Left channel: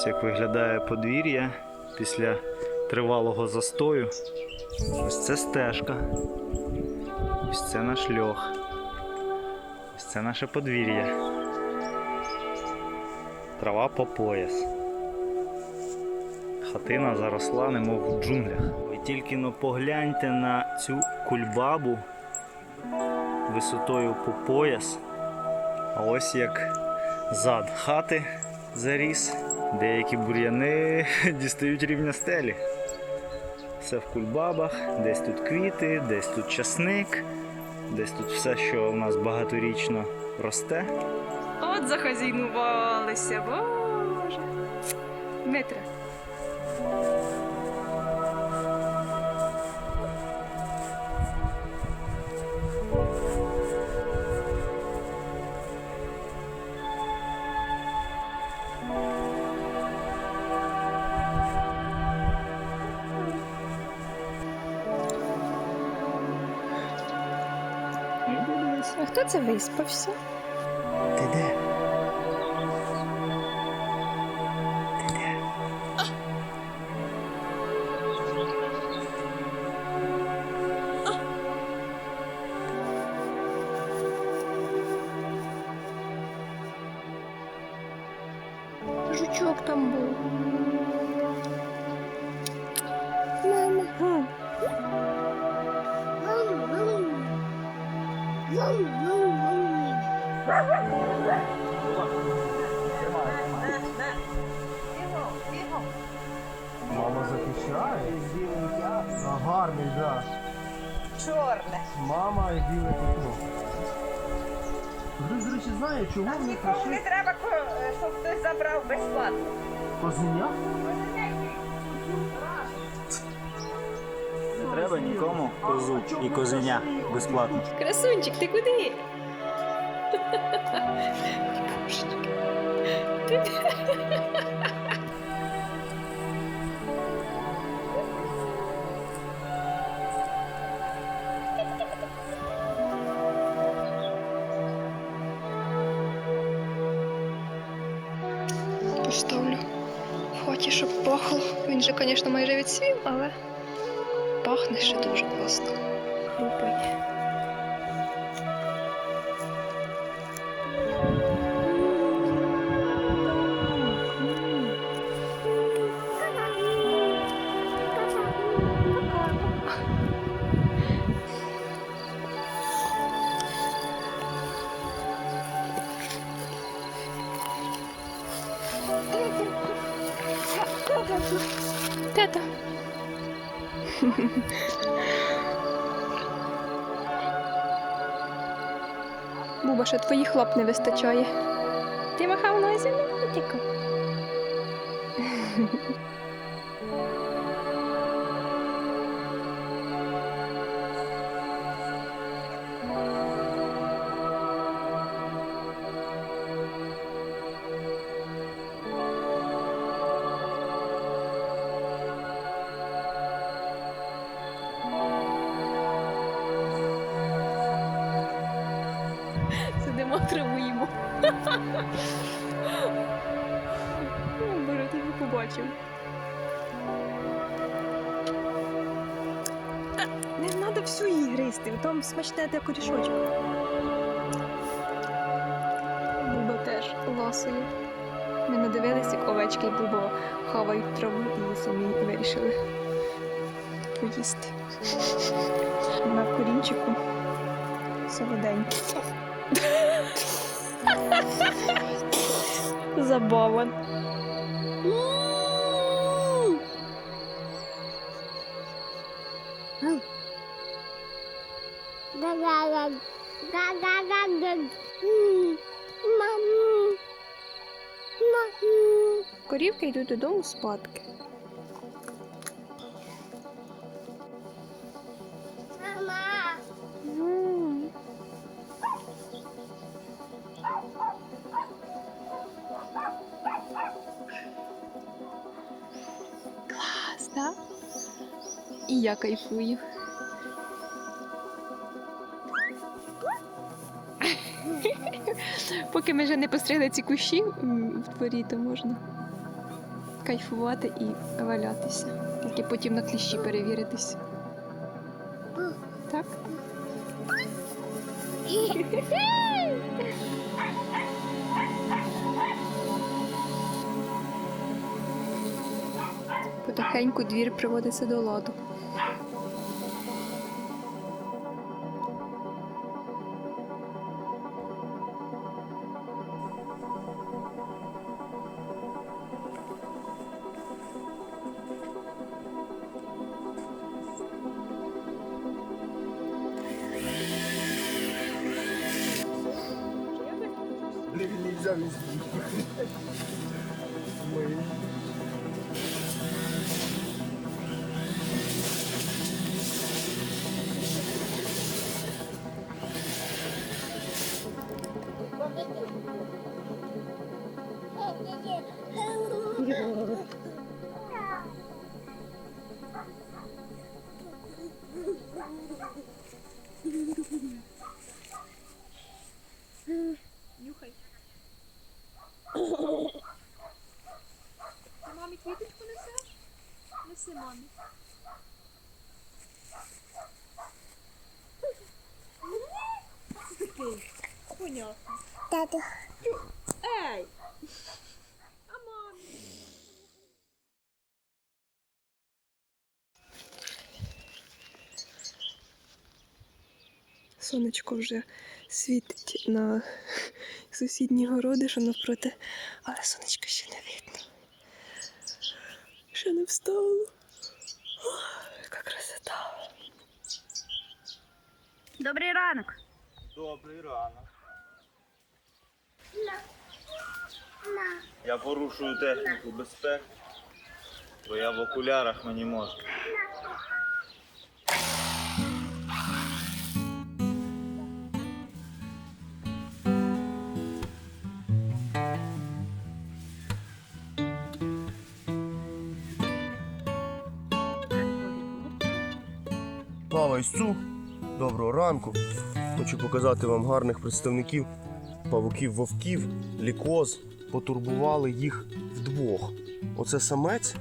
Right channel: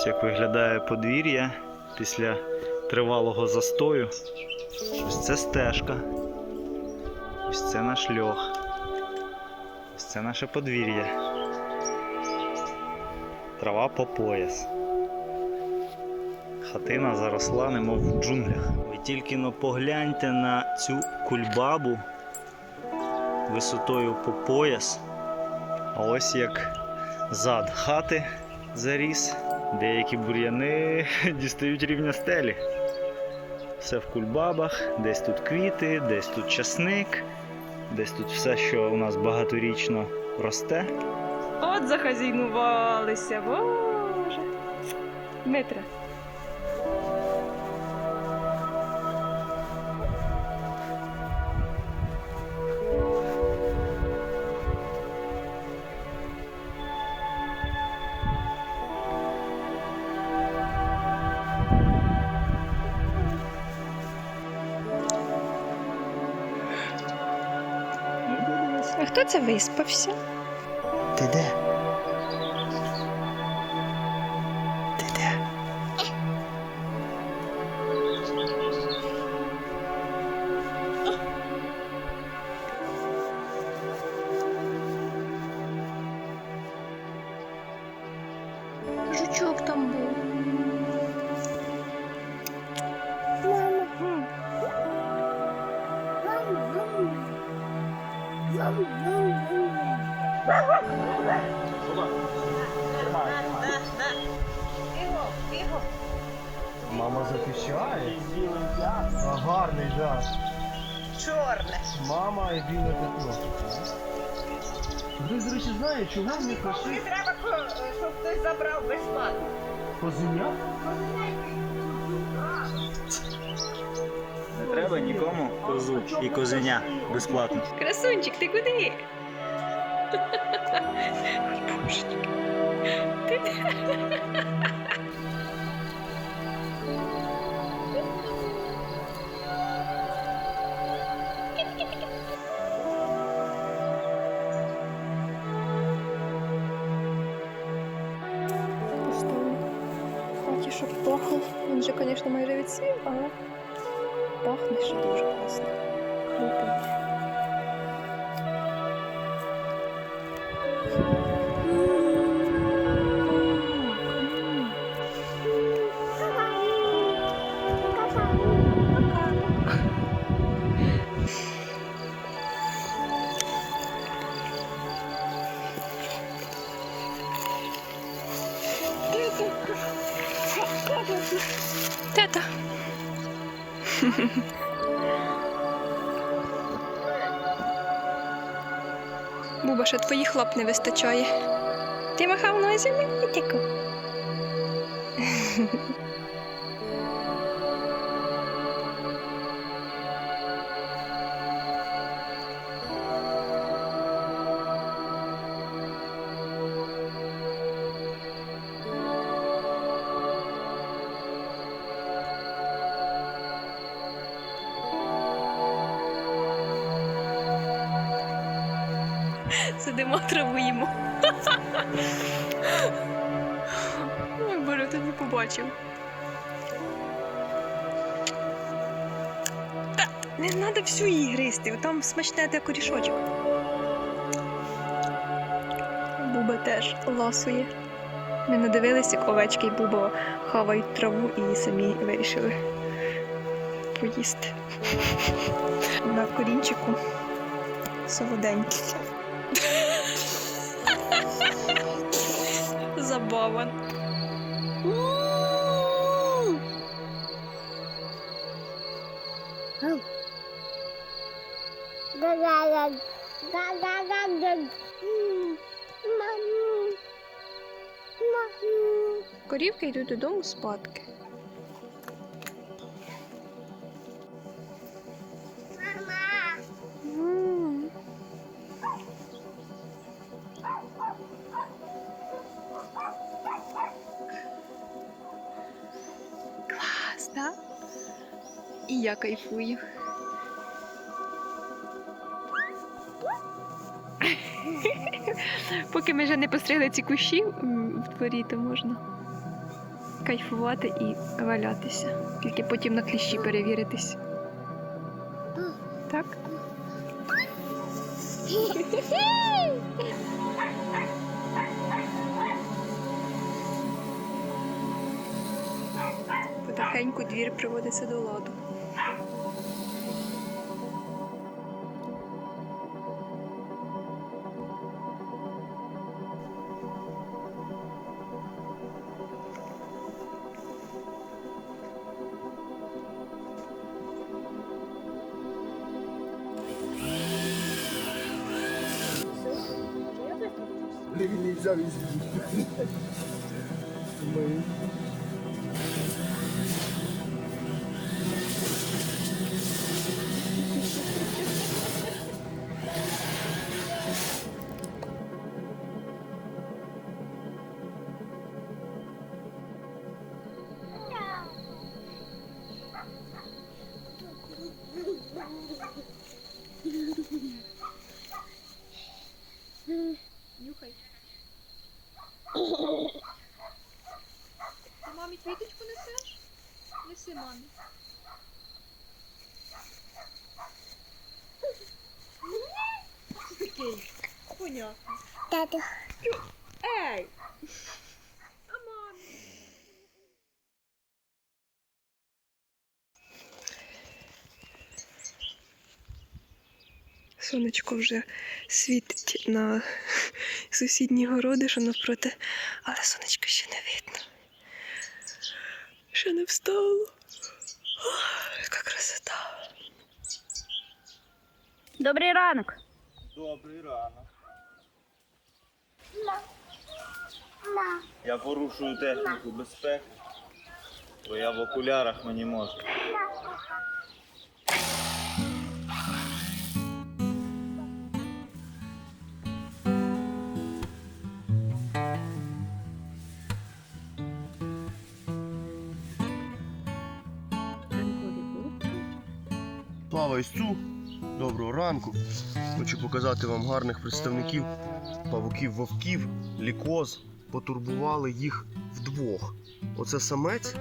Ось як виглядає подвір'я після тривалого застою. Ось це стежка. Ось це наш льох. Ось це наше подвір'я. Трава по пояс. Хатина заросла, немов в джунглях. Ви тільки но погляньте на цю кульбабу висотою по пояс. А ось як зад хати заріс. Деякі бур'яни дістають рівня стелі. Все в кульбабах, десь тут квіти, десь тут часник, десь тут все, що у нас багаторічно росте. От захазійнувалися, боже. Дмитре. А хто це виспався? Та де? Мама захищає. А, гарний, да. Чорне. Мама і біле пятно. Хтось, до речі, знає, чого в них Не нашли треба, щоб хтось забрав безплатно. козеня? Треба нікому козу і козеня безплатно. Красунчик, ти куди? Поставлю в хаті, щоб пахло. Він же, звісно, майже відсвів, але пахне ще дуже класно. Хрупає. Тета. Буба, ще твоїх лап не вистачає. Ти махав носі, не тіко. Сидимо, травуємо. Ой, Боже, тобі побачив. Та, не треба всю її гризти, там смачне те корішочок. Буба теж ласує. Ми надивилися, як овечки і Буба хавають траву і самі вирішили поїсти. На корінчику солоденький. Забава. Корівки йдуть додому спадки. Так? І я кайфую. Поки ми вже не постригли ці кущі в дворі, то можна кайфувати і валятися. Тільки потім на кліщі перевіритись. Так? Потихеньку двір приводиться до ладу. Нельзя везде. Мы. Тату. Ей! А мамі? Сонечко вже світить на сусідні городи, що навпроти, але сонечка ще не видно. Ще не встало. Яка красота. Добрий ранок. Добрий ранок. Я порушую техніку безпеки, бо я в окулярах мені можна. Слава доброго ранку. Хочу показати вам гарних представників павуків вовків, лікоз. Потурбували їх вдвох. Оце самець,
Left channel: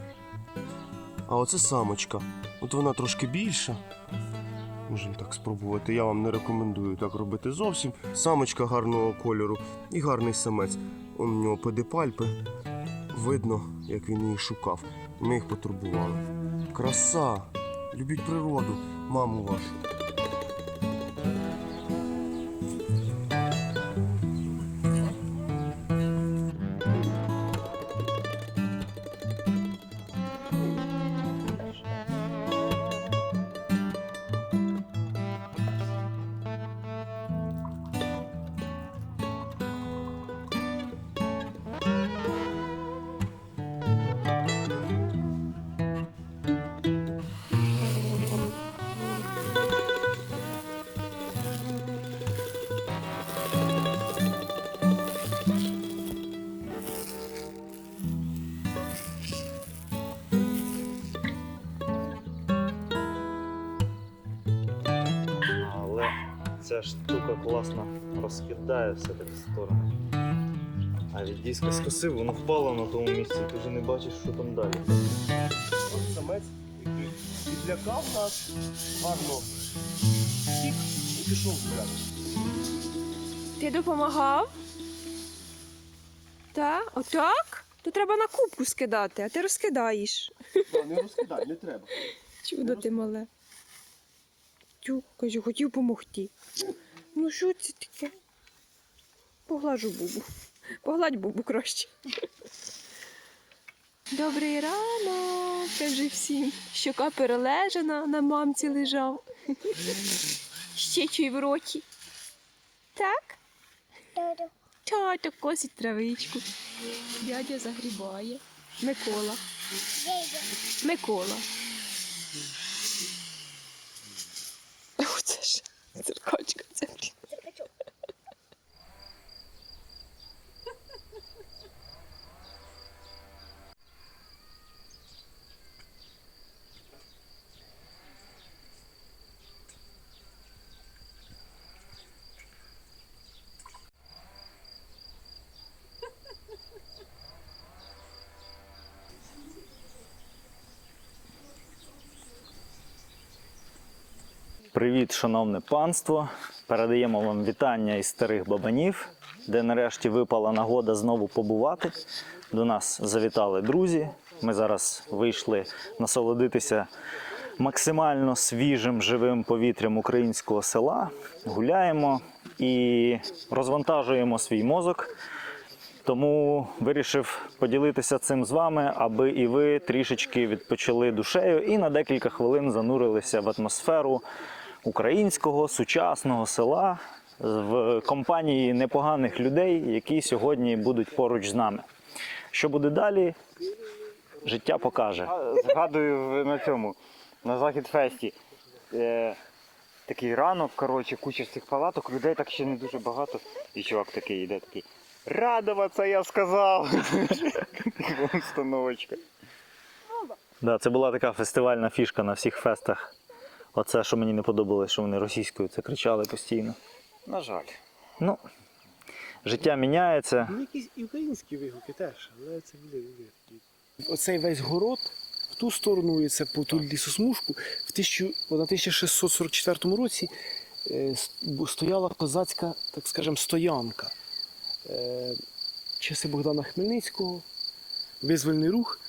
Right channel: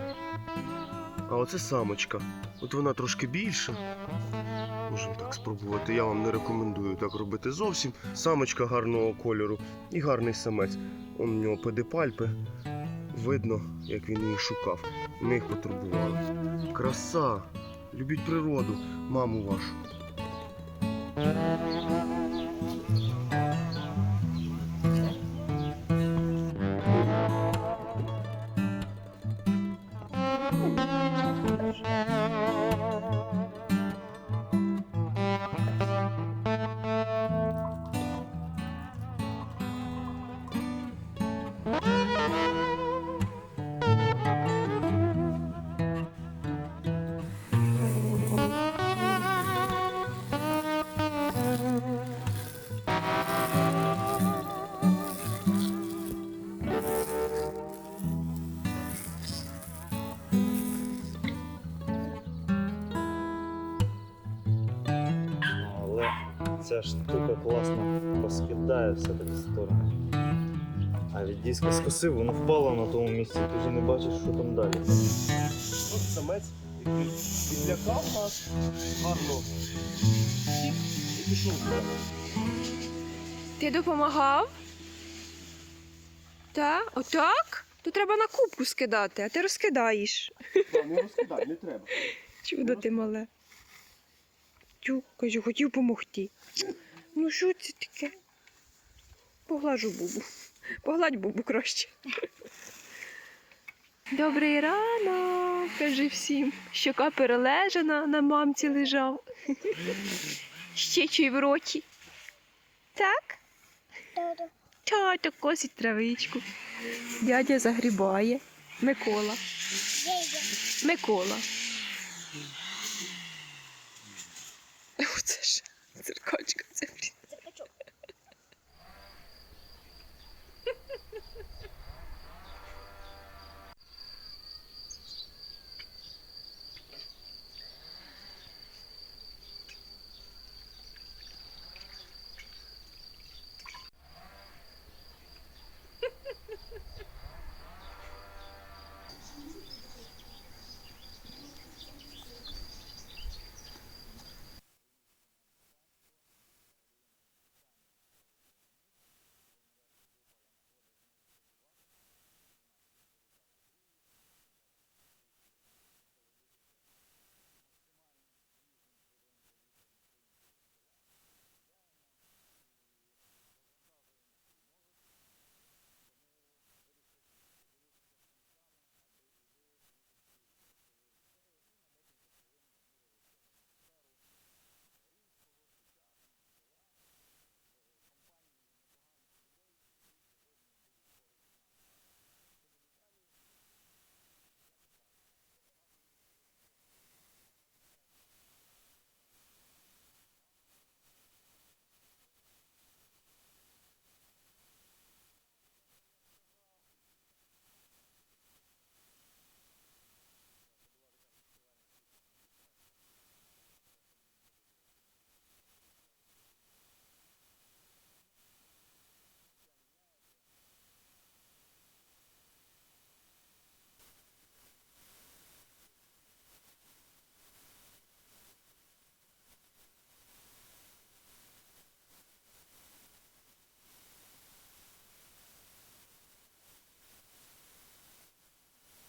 а оце самочка. От вона трошки більша. Можна так спробувати. Я вам не рекомендую так робити зовсім. Самочка гарного кольору і гарний самець. Он у нього педипальпи. Видно, як він її шукав. Ми їх потурбували. Краса! Любіть природу, маму вашу. Ця штука класно розкидає все так в сторони. А від диска скосив, воно впало на тому місці, ти вже не бачиш, що там далі. Ось самець, який відлякав нас гарно. І пішов далі. Ти допомагав? Так? Отак? То треба на кубку скидати, а ти розкидаєш. Да, Не розкидай, не треба. Чудо ти мале. Тю, кажу, хотів помогти. Ну що це таке? Поглажу бубу. Погладь бубу краще. Добрий ранок, кажи всім. Щока перележана, на мамці лежав. Ще чий в роті. Так? Тато косить травичку. Дядя загрібає. Микола. Микола. Оце ж циркачка. Це. Привіт, шановне панство! Передаємо вам вітання із старих бабанів, де нарешті випала нагода знову побувати. До нас завітали друзі. Ми зараз вийшли насолодитися максимально свіжим живим повітрям українського села. Гуляємо і розвантажуємо свій мозок. Тому вирішив поділитися цим з вами, аби і ви трішечки відпочили душею і на декілька хвилин занурилися в атмосферу українського сучасного села в компанії непоганих людей, які сьогодні будуть поруч з нами. Що буде далі? Життя покаже. Згадую на цьому, на Захід Фесті. Е, такий ранок, коротше, куча цих палаток, людей так ще не дуже багато. І чувак такий йде такий. Радуватися, я сказав. Установочка. Да, це була така фестивальна фішка на всіх фестах. Оце, що мені не подобалось, що вони російською це кричали постійно. На жаль. Ну, життя міняється. Ну, якісь і українські вигуки теж, але це буде. Оцей весь город в ту сторону, і це по ту лісосмужку, в 1000, на 1644 році е, стояла козацька, так скажемо, стоянка. Е, Часи Богдана Хмельницького, визвольний рух.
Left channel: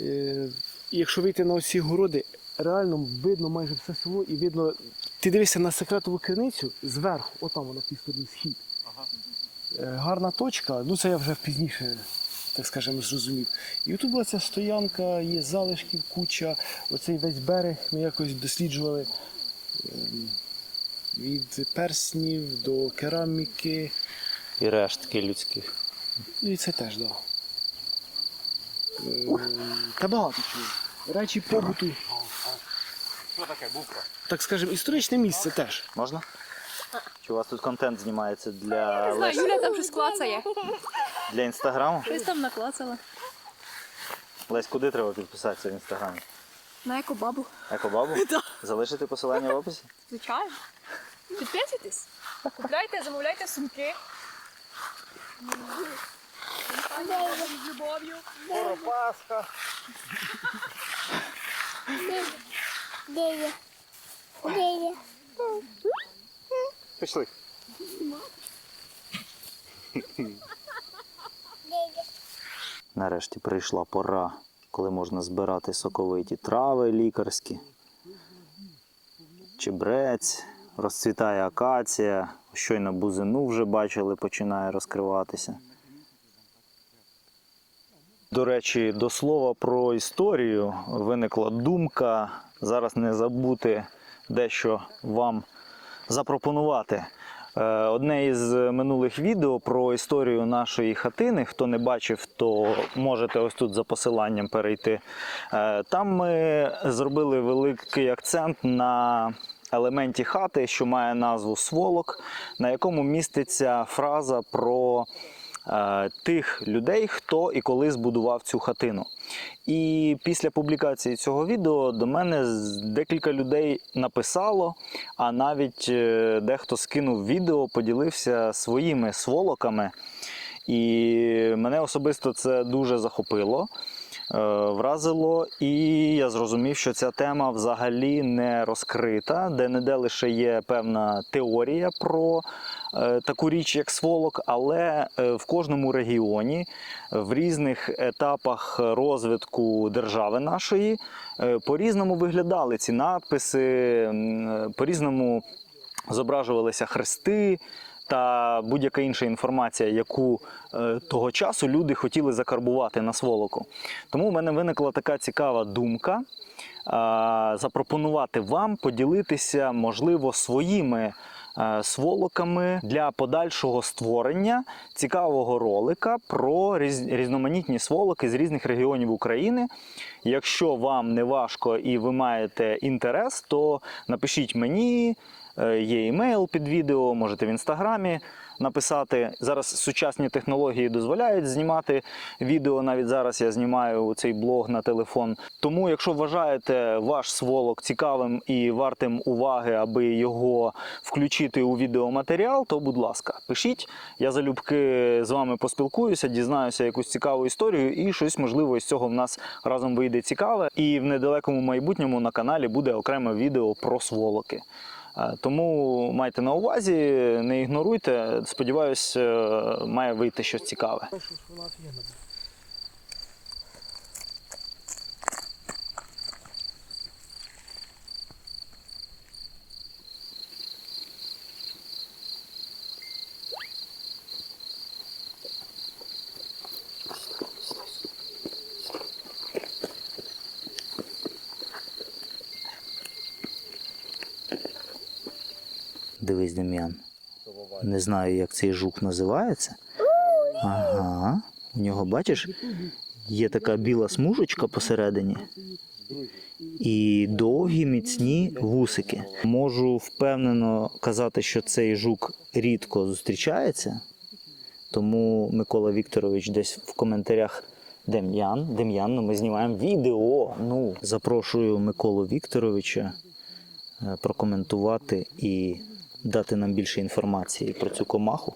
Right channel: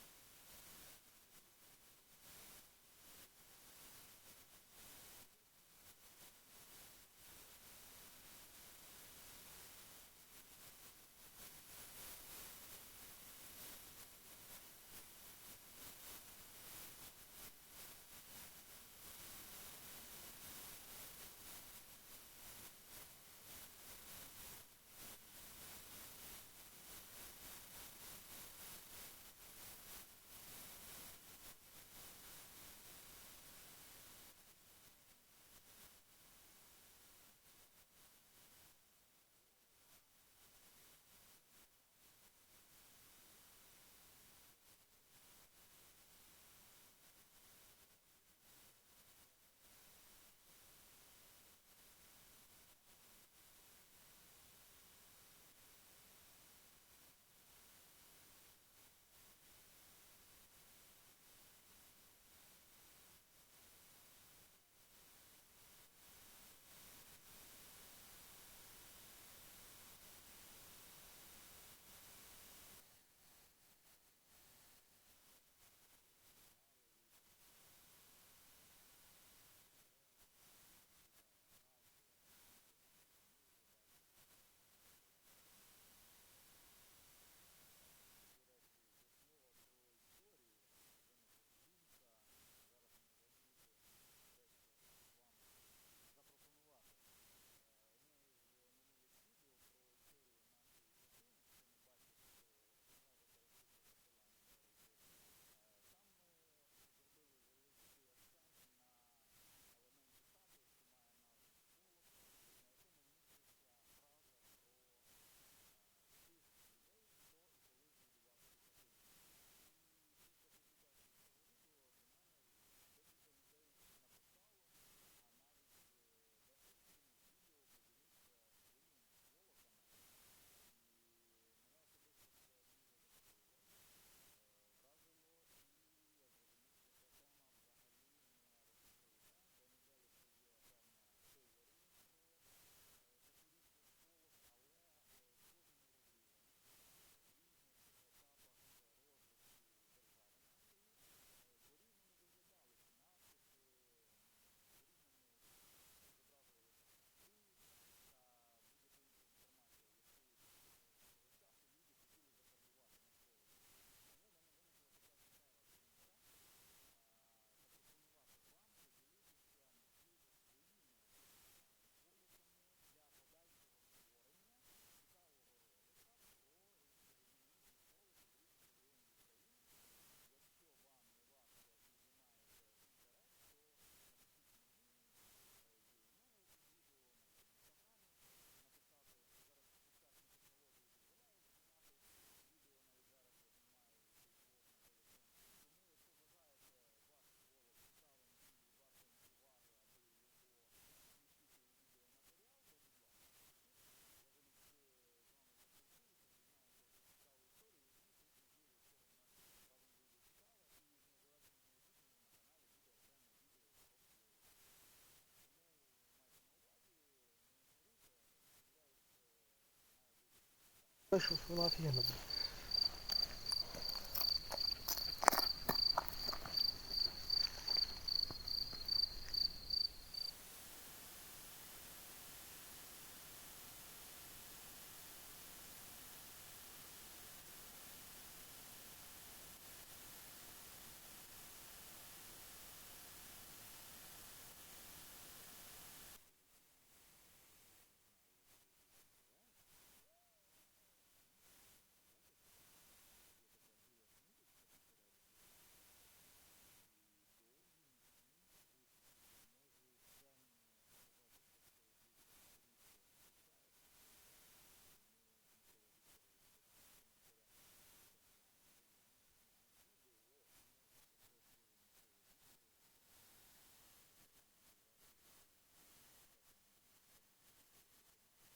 Е, І якщо вийти на оці городи, реально видно майже все село і видно. Ти дивишся на секретову криницю зверху, отам вона в тій стороні схід. Е, гарна точка, ну це я вже пізніше, так скажемо, зрозумів. І тут була ця стоянка, є залишків, куча, оцей весь берег ми якось досліджували ем, від перснів до кераміки. І рештки людських. І це теж, так. Да. Ем, Та багато чого. Речі побуту. Що таке, бубка? Так скажемо, історичне місце теж. Можна? Чи у вас тут контент знімається для, Знаю, Лесь- Юля там щось клацає. для інстаграму? Щось там наклацала. Лесь, куди треба підписатися в інстаграмі? На екобабу. Екобабу? Залишити посилання в описі? Звичайно. Підписуйтесь. Купляйте, замовляйте сумки. З любов'ю. Де є? Де є? Пішли. Нарешті прийшла пора, коли можна збирати соковиті трави лікарські. Чебрець, розцвітає акація, щойно бузину вже бачили, починає розкриватися. До речі, до слова про історію виникла думка зараз не забути дещо вам запропонувати. Е, Одне із минулих відео про історію нашої хатини. Хто не бачив, то можете ось тут за посиланням перейти. Е, Там ми зробили великий акцент на елементі хати, що має назву сволок, на якому міститься фраза про тих людей, хто і коли збудував цю хатину. І після публікації цього відео до мене декілька людей написало, а навіть е, дехто скинув відео, поділився своїми сволоками. І мене особисто це дуже захопило, е, вразило, і я зрозумів, що ця тема взагалі не розкрита, де не де лише є певна теорія про е, таку річ, як сволок, але е, в кожному регіоні, в різних етапах розвитку держави нашої е, по-різному виглядали ці надписи, е, по-різному зображувалися хрести та будь-яка інша інформація, яку е, того часу люди хотіли закарбувати на сволоку. Тому в мене виникла така цікава думка а, запропонувати вам поділитися, можливо, своїми е, сволоками для подальшого створення цікавого ролика про різ- різноманітні сволоки з різних регіонів України. Якщо вам не важко і ви маєте інтерес, то напишіть мені. Е, Є імейл під відео, можете в інстаграмі написати. Зараз сучасні технології дозволяють знімати відео. Навіть зараз я знімаю цей блог на телефон. Тому, якщо вважаєте ваш сволок цікавим і вартим уваги, аби його включити у відеоматеріал, то будь ласка, пишіть. Я залюбки з вами поспілкуюся, дізнаюся якусь цікаву історію, і щось можливо із цього в нас разом вийде цікаве. І в недалекому майбутньому на каналі буде окреме відео про сволоки. Е, Тому майте на увазі, не ігноруйте. Сподіваюсь, е, має вийти щось цікаве. Дем'ян. Не знаю, як цей жук називається. Ага. У нього, бачиш, є така біла смужечка посередині. І довгі міцні вусики. Можу впевнено казати, що цей жук рідко зустрічається. Тому Микола Вікторович десь в коментарях Дем'ян, Дем'ян, ну ми знімаємо відео. Ну, запрошую Миколу Вікторовича е, прокоментувати і дати нам більше інформації про цю комаху.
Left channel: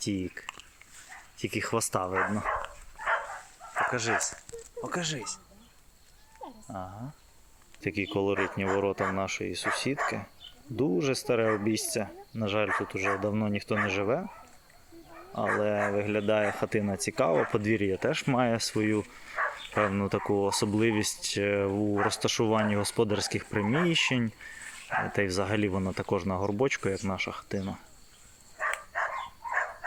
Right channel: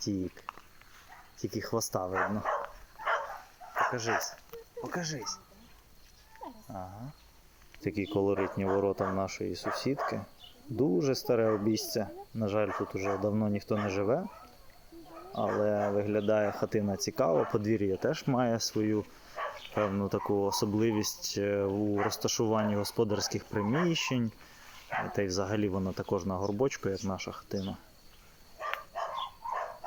Втік. Тільки хвоста видно. Покажись. Покажись. Ага. Такі колоритні ворота в нашої сусідки. Дуже старе обійстя. На жаль, тут уже давно ніхто не живе. Але виглядає хатина цікаво. Подвір'я теж має свою певну таку особливість е, у розташуванні господарських приміщень. Та й взагалі воно також на горбочку, як наша хатина.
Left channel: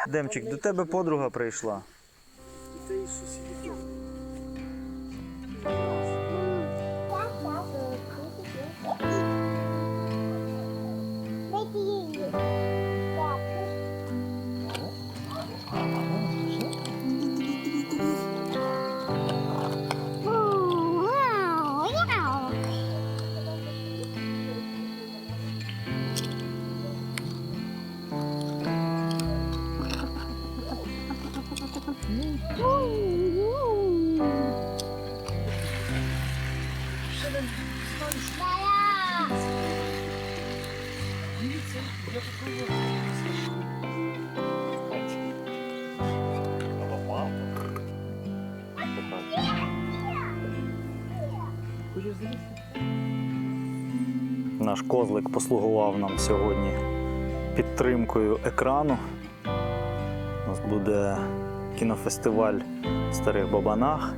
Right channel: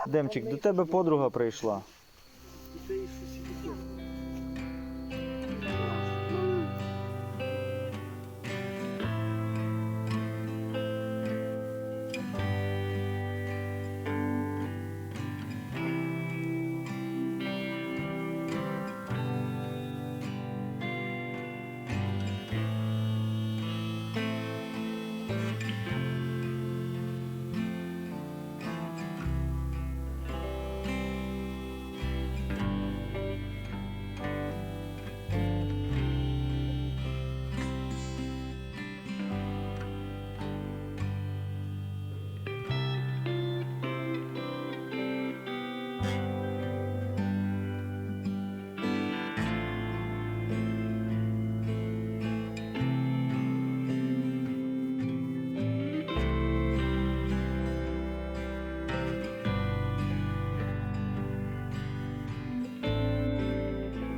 Демчик, до тебе подруга прийшла. Козлик послугував нам сьогодні підтримкою екрану. У нас буде кінофестиваль в Старих Бабанах.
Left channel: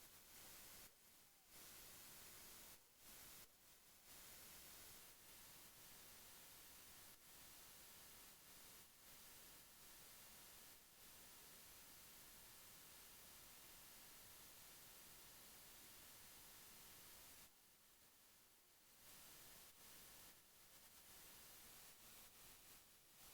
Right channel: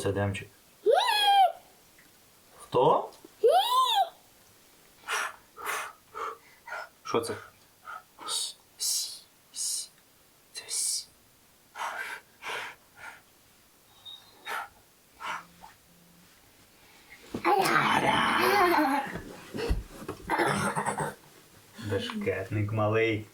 Це Демчик? Хто? Що це? Це малий.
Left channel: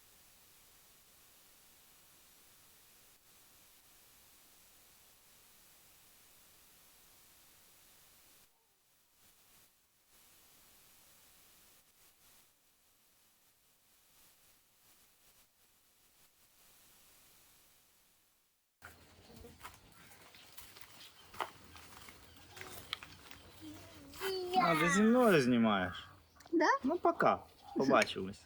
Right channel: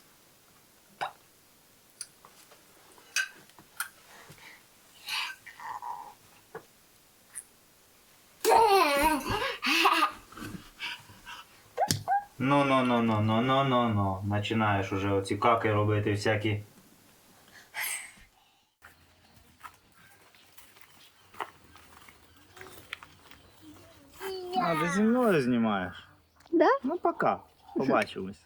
Починаєш уже оці каки робити всякі. А, ти зі мною знімаєш? Да. Ну, пока. Побачимось.